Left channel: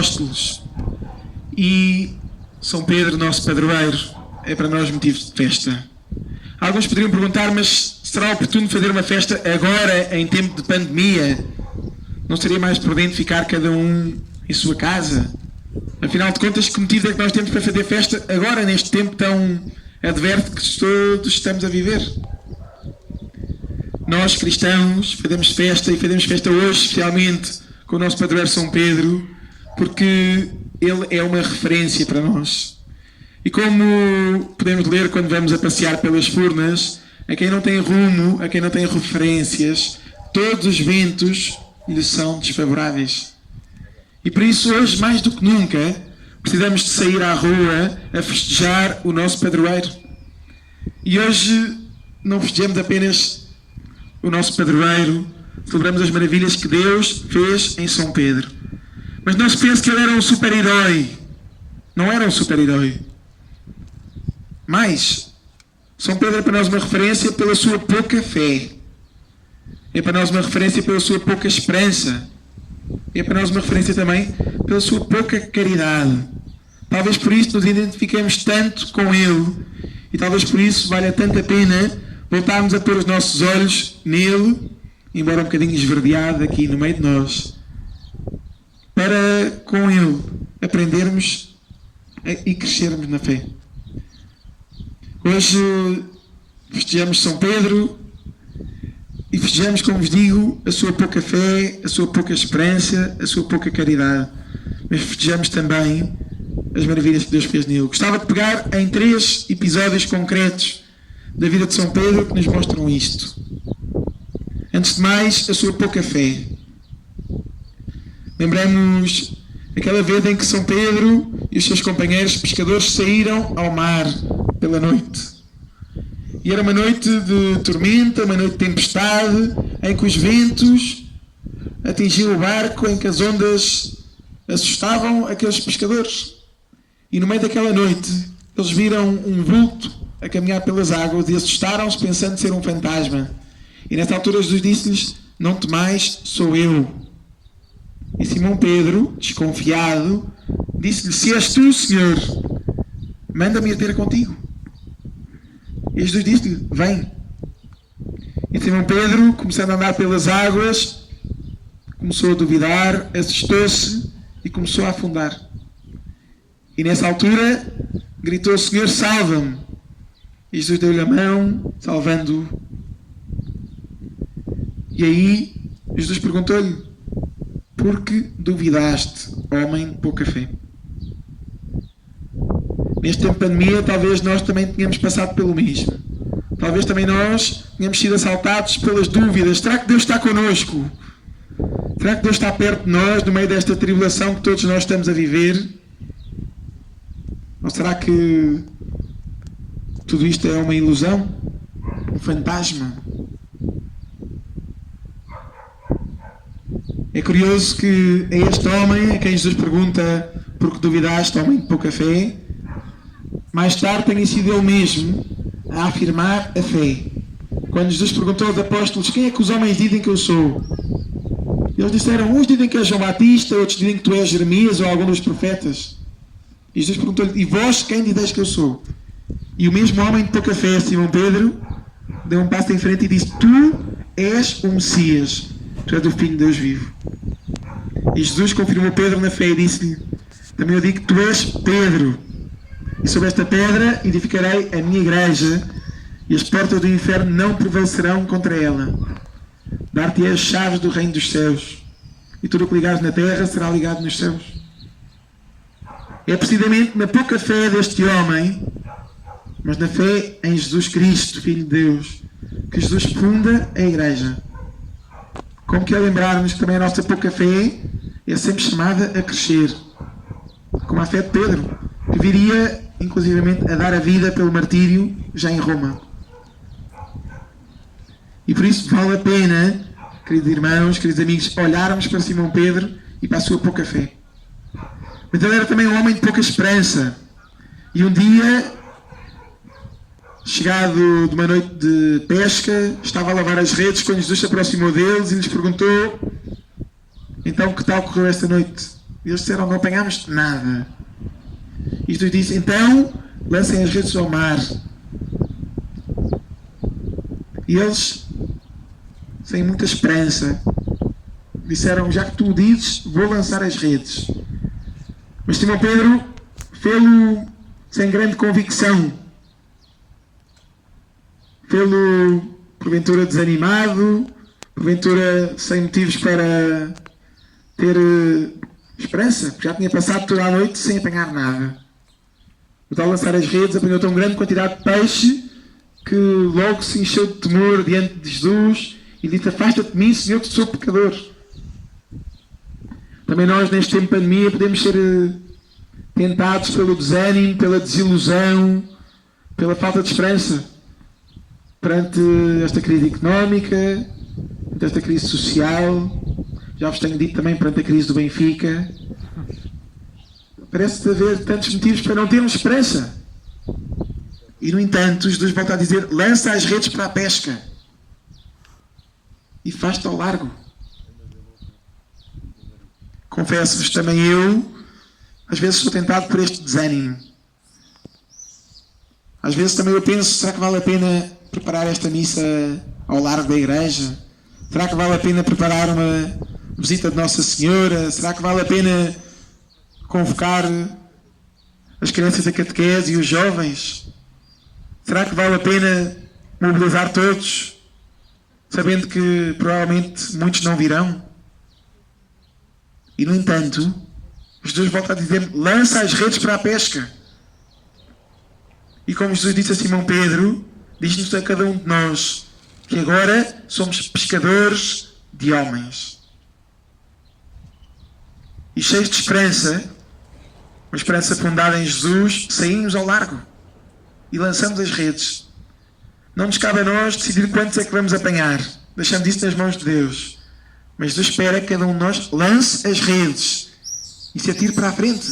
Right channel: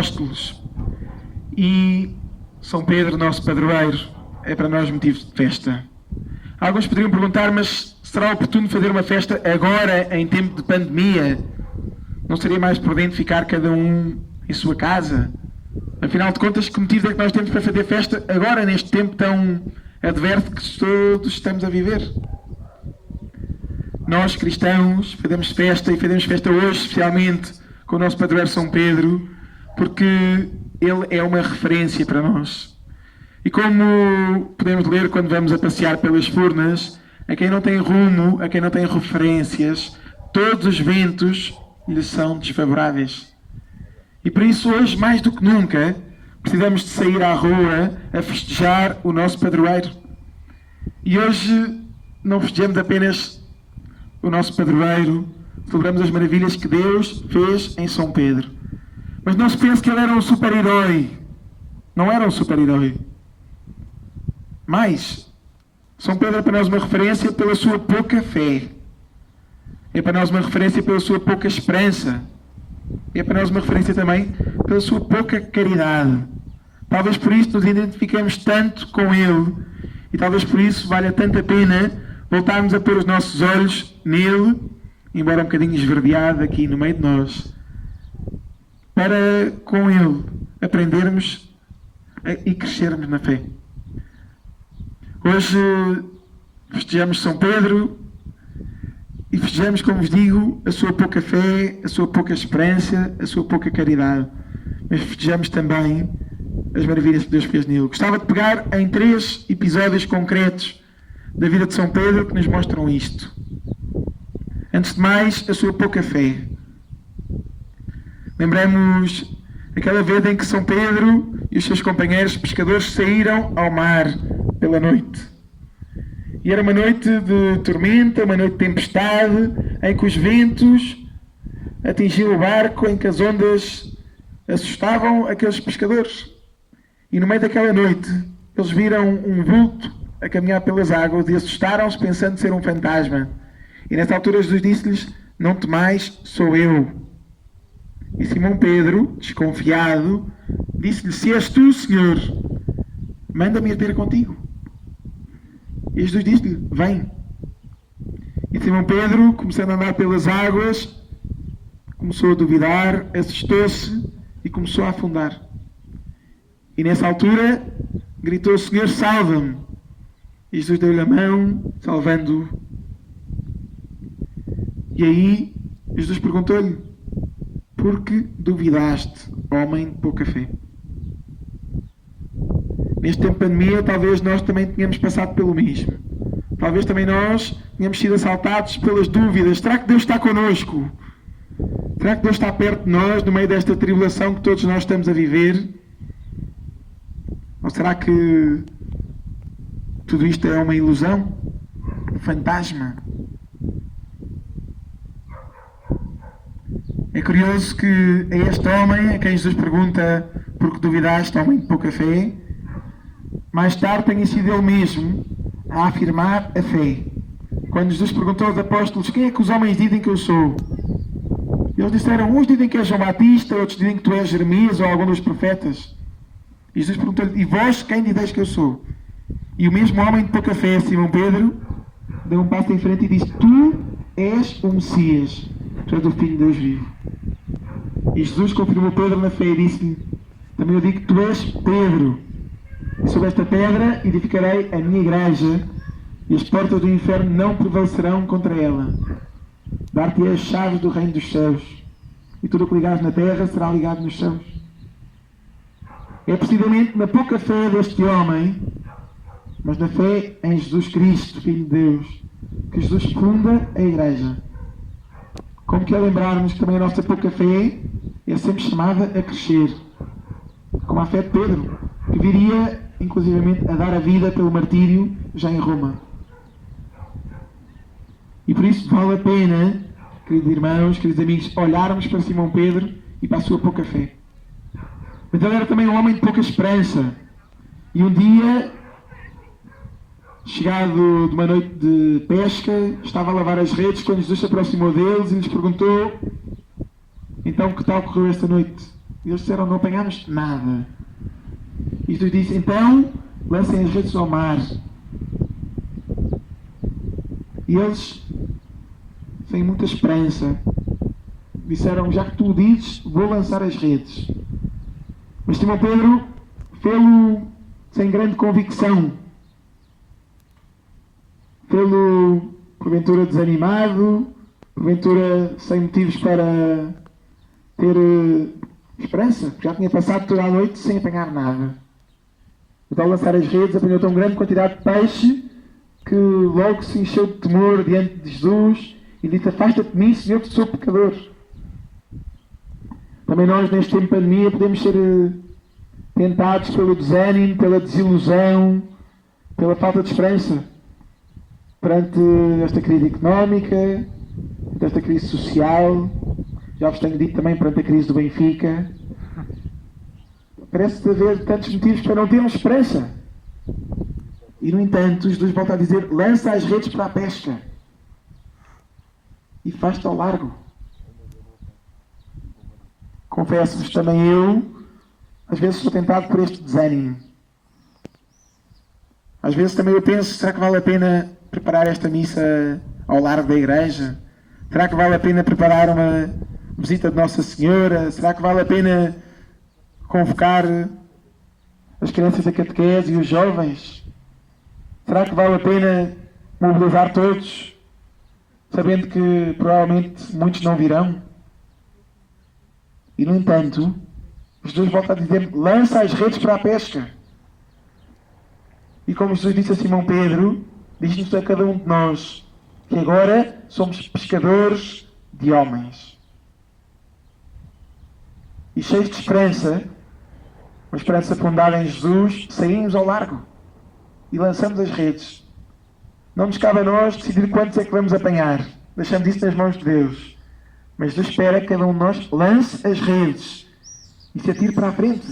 apóstolos. E São Pedro, nosso padroeiro, é para nós motivo de festa. Alguns poderiam perguntar, mas será oportuno fazer uma festa agora, em tempo de pandemia? Não seria mais prudente ficar cada um em sua casa? Afinal de contas, que motivo é que nós temos para fazer festa agora, neste tempo tão adverso que todos estamos a viver? Nós, cristãos, fazemos festa, e fazemos festa hoje, especialmente com o nosso padroeiro São Pedro, porque ele é uma referência para nós. E como podemos ler quando vamos a passear pelas Furnas, a quem não tem rumo, a quem não tem referências, todos os ventos lhes são desfavoráveis. E por isso, hoje, mais do que nunca, precisamos de sair à rua a festejar o nosso padroeiro. E hoje não festejamos apenas o nosso padroeiro, celebramos as maravilhas que Deus fez em São Pedro. Mas não se pense que ele era um super-herói. Não era um super-herói. Mas São Pedro é para nós uma referência pela sua pouca fé. É para nós uma referência pela sua pouca esperança. É para nós uma referência também pela sua pouca caridade. Talvez por isso nos identifiquemos tanto com ele. E talvez por isso valha tanto a pena voltarmos a pôr os nossos olhos nele, embora um bocadinho esverdeado aqui no meio de nós, para com ele aprendermos e crescermos na fé. Hoje festejamos São Pedro e festejamos, como vos digo, a sua pouca fé, a sua pouca esperança, a sua pouca caridade. Mas festejamos também as maravilhas que Deus fez nele. Gostava de pegar em 3 episódios concretos da vida de São Pedro que nos mostram isto. Antes de mais, a sua pouca fé. Lembramos aquela vez em que São Pedro e os seus companheiros pescadores saíram ao mar pela noite. E era uma noite de tormenta, uma noite de tempestade, em que os ventos atingiam o barco, em que as ondas assustavam aqueles pescadores. E no meio daquela noite, eles viram um vulto a caminhar pelas águas e assustaram-se pensando ser um fantasma. E nessa altura Jesus disse-lhes: não temais, sou eu. E Simão Pedro, desconfiado, disse-lhe: se és tu, Senhor, manda-me ir ter contigo. E Jesus disse-lhe: vem. E Simão Pedro, começando a andar pelas águas, começou a duvidar, assustou-se e começou a afundar. E nessa altura gritou: Senhor, salva-me. E Jesus deu-lhe a mão, salvando-o. E aí Jesus perguntou-lhe: por que duvidaste, homem de pouca fé? Neste tempo de pandemia, talvez nós também tenhamos passado pelo mesmo. Talvez também nós tenhamos sido assaltados pelas dúvidas. Será que Deus está connosco? Será que Deus está perto de nós, no meio desta tribulação que todos nós estamos a viver? Ou será que tudo isto é uma ilusão? Um fantasma? É curioso que a este homem, a quem Jesus pergunta por que duvidaste, homem de pouca fé, mais tarde tenha sido ele mesmo a afirmar a fé. Quando Jesus perguntou aos apóstolos: quem é que os homens dizem que eu sou? Eles disseram: uns dizem que és João Batista, outros dizem que tu és Jeremias ou algum dos profetas. E Jesus perguntou-lhe: e vós quem dizeis que eu sou? E o mesmo homem de pouca fé, Simão Pedro, deu um passo em frente e disse: tu és o Messias, tu és o Filho de Deus vivo. E Jesus confirmou Pedro na fé e disse-lhe: também eu digo que tu és Pedro, e sobre esta pedra edificarei a minha igreja, e as portas do inferno não prevalecerão contra ela. Dar-te-ei as chaves do reino dos céus, e tudo o que ligares na terra será ligado nos céus. É precisamente na pouca fé deste homem, mas na fé em Jesus Cristo, Filho de Deus, que Jesus funda a igreja. Como que é lembrar-nos que também a nossa pouca fé é sempre chamada a crescer, como a fé de Pedro, que viria inclusivamente a dar a vida pelo martírio já em Roma. E por isso vale a pena, queridos irmãos, queridos amigos, olharmos para Simão Pedro e para a sua pouca fé. Mas ele era também um homem de pouca esperança. E um dia, chegado de uma noite de pesca, estava a lavar as redes quando Jesus se aproximou deles e lhes perguntou: então, que tal correu esta noite? E eles disseram, não apanhámos nada. E Jesus disse, então, lancem as redes ao mar. E eles, sem muita esperança, disseram, já que tu o dizes, vou lançar as redes. Mas Simão Pedro fê-lo sem grande convicção. Fê-lo, porventura, desanimado, porventura, sem motivos para ter esperança, porque já tinha passado toda a noite sem apanhar nada. Mas ao lançar as redes, apanhou tão grande quantidade de peixe que logo se encheu de temor diante de Jesus e disse, afasta-te de mim, Senhor, que sou pecador. Também nós, neste tempo de pandemia, podemos ser tentados pelo desânimo, pela desilusão, pela falta de esperança perante esta crise económica, perante esta crise social. Já vos tenho dito também perante a crise do Benfica. Parece haver tantos motivos para não termos esperança. E, no entanto, Jesus volta a dizer, lança as redes para a pesca e faz-te ao largo. Confesso-vos também eu, às vezes sou tentado por este desânimo. Às vezes também eu penso, será que vale a pena preparar esta missa ao largo da igreja? Será que vale a pena preparar uma visita de Nossa Senhora? Será que vale a pena convocar as crianças da catequese e os jovens? Será que vale a pena mobilizar todos, sabendo que provavelmente muitos não virão? E, no entanto, Jesus volta a dizer, lança as redes para a pesca. E como Jesus disse a Simão Pedro, diz-nos a cada um de nós que agora somos pescadores de homens. E cheios de esperança, uma esperança fundada em Jesus, saímos ao largo e lançamos as redes. Não nos cabe a nós decidir quantos é que vamos apanhar. Deixamos isso nas mãos de Deus. Mas Deus espera que cada um de nós lance as redes e se atire para a frente.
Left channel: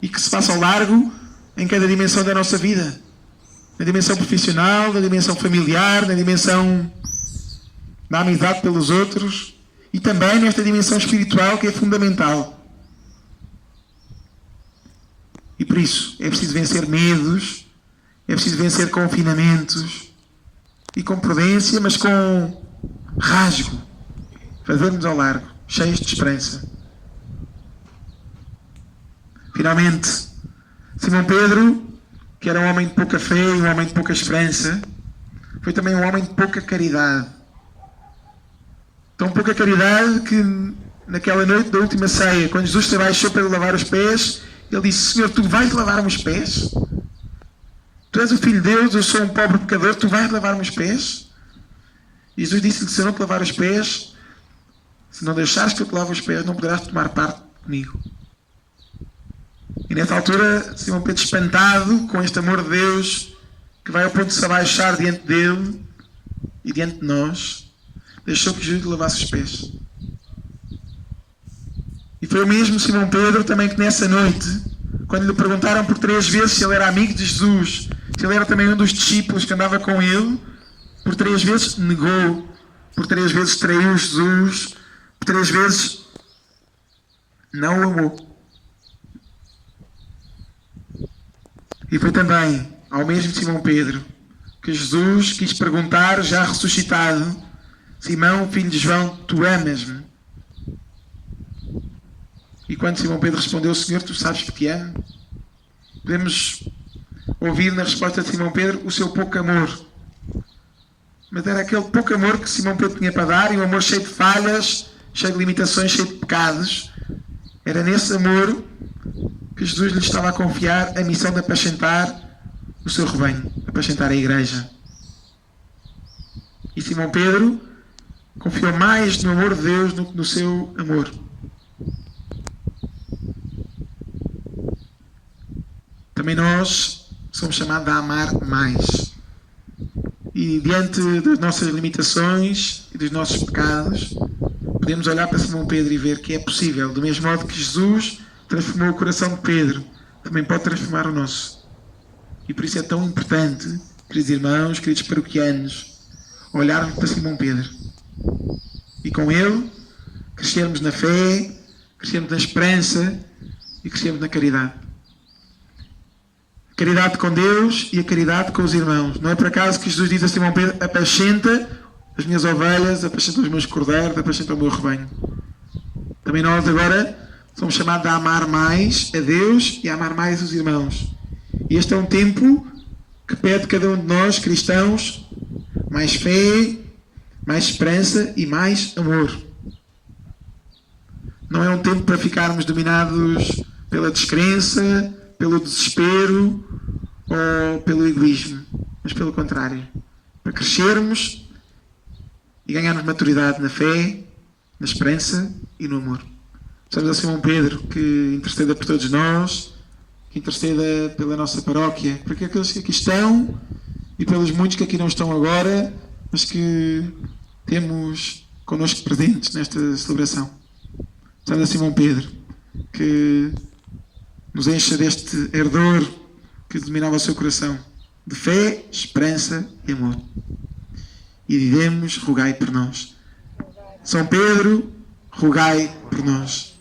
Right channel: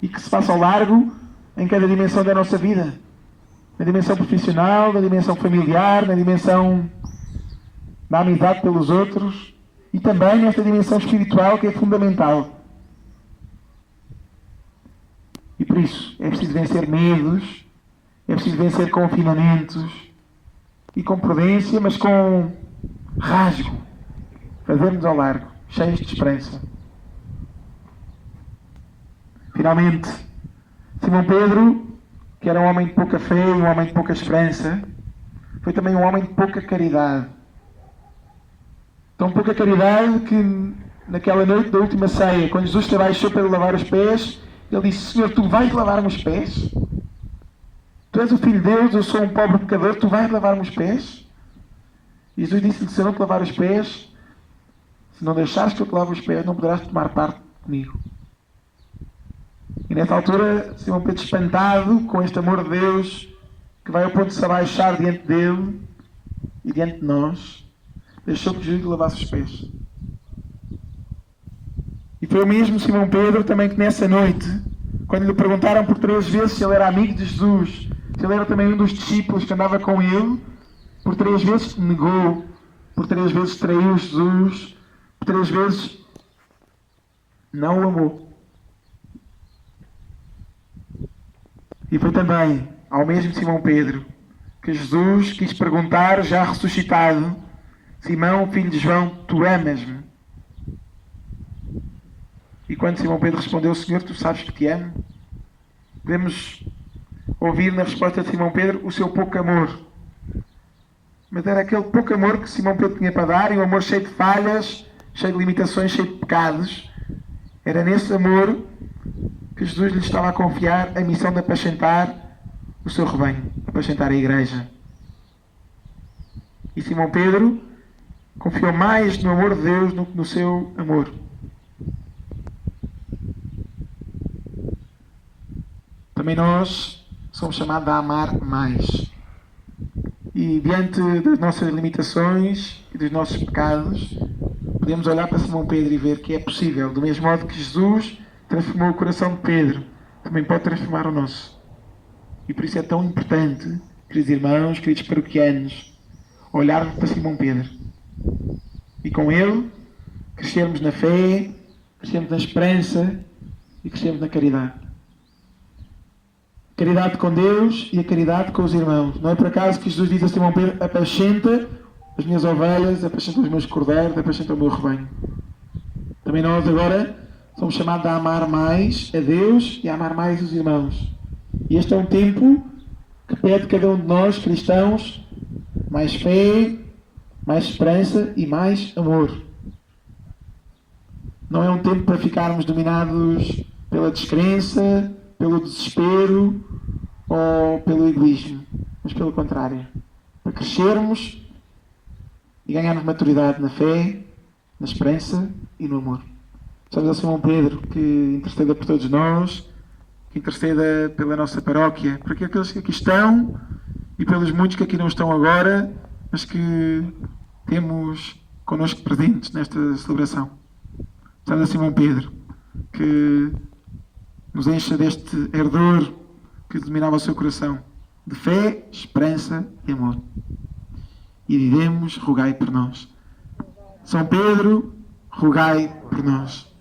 E que se faça ao largo em cada dimensão da nossa vida. Na dimensão profissional, na dimensão familiar, na dimensão da amizade pelos outros e também nesta dimensão espiritual que é fundamental. E por isso é preciso vencer medos, é preciso vencer confinamentos e com prudência, mas com rasgo, fazermos ao largo, cheios de esperança. Finalmente, Simão Pedro, que era um homem de pouca fé e um homem de pouca esperança, foi também um homem de pouca caridade. Tão pouca caridade que naquela noite da última ceia, quando Jesus se abaixou para lavar os pés, ele disse, Senhor, tu vais lavar-me os pés? Tu és o Filho de Deus, eu sou um pobre pecador, tu vais lavar-me os pés? E Jesus disse-lhe, se eu não te lavar os pés, se não deixares que eu te lave os pés, não poderás tomar parte comigo. E nessa altura, Simão Pedro, espantado com este amor de Deus, que vai ao ponto de se abaixar diante dele e diante de nós, deixou que Jesus lhe lavasse os pés. E foi o mesmo Simão Pedro também que nessa noite, quando lhe perguntaram por 3 vezes se ele era amigo de Jesus, se ele era também um dos discípulos que andava com ele, por 3 vezes negou, por 3 vezes traiu Jesus, por 3 vezes não o amou. E foi também ao mesmo Simão Pedro que Jesus quis perguntar, já ressuscitado, Simão, filho de João, tu amas-me? E quando Simão Pedro respondeu, Senhor, tu sabes que te amo, podemos ouvir na resposta de Simão Pedro o seu pouco amor. Mas era aquele pouco amor que Simão Pedro tinha para dar, e um amor cheio de falhas, cheio de limitações, cheio de pecados. Era nesse amor que Jesus lhe estava a confiar a missão de apacentar o seu rebanho, apacentar a igreja. E Simão Pedro confiou mais no amor de Deus do que no seu amor. Também nós somos chamados a amar mais. E diante das nossas limitações e dos nossos pecados, podemos olhar para Simão Pedro e ver que é possível, do mesmo modo que Jesus transformou o coração de Pedro, também pode transformar o nosso. E por isso é tão importante, queridos irmãos, queridos paroquianos, olharmos para Simão Pedro e com ele crescermos na fé, crescemos na esperança e crescemos na caridade. A caridade com Deus e a caridade com os irmãos. Não é por acaso que Jesus diz a Simão Pedro: apacenta as minhas ovelhas, apacenta os meus cordeiros, apacenta o meu rebanho. Também nós agora somos chamados a amar mais a Deus e a amar mais os irmãos. E este é um tempo que pede cada um de nós, cristãos, mais fé, mais esperança e mais amor. Não é um tempo para ficarmos dominados pela descrença, pelo desespero ou pelo egoísmo, mas pelo contrário, para crescermos e ganharmos maturidade na fé, na esperança e no amor. Estamos a Simão Pedro que interceda por todos nós, que interceda pela nossa paróquia, por aqueles que aqui estão e pelos muitos que aqui não estão agora, mas que temos connosco presentes nesta celebração. Estamos a Simão Pedro que nos encha deste ardor que dominava o seu coração, de fé, esperança e amor. E diremos: rogai por nós. São Pedro, rogai por nós.